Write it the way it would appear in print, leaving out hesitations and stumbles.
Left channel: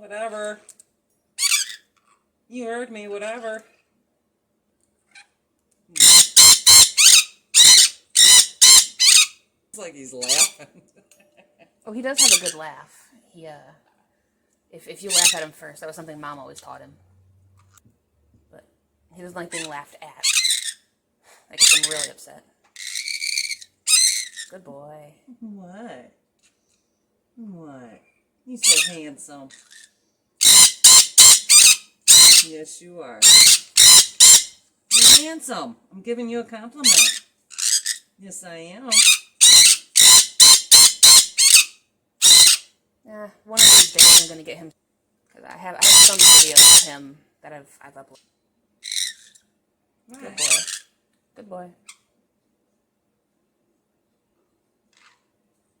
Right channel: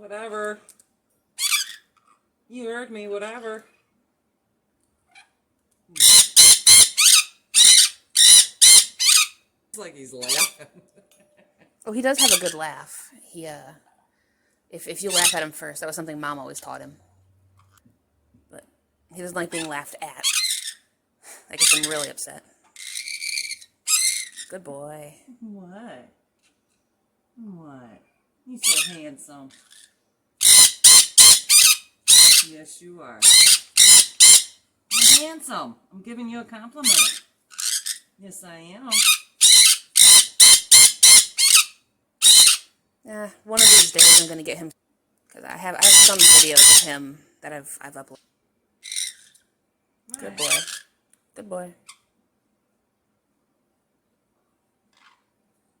Whatever. You heard me, whatever. It's like he's laughing. Oh, he does have a good laugh. He, if you laugh at him first, that was something Mom always taught him. But he doesn't like being laughed at. That gets him really upset. Good boy. What? What? He's so handsome. Yes, you are. You're handsome. I'm giving you a compliment. Yes, I am. One of these days I'm gonna get him, because I have some videos of him that I've uploaded. Good boy. Good boy.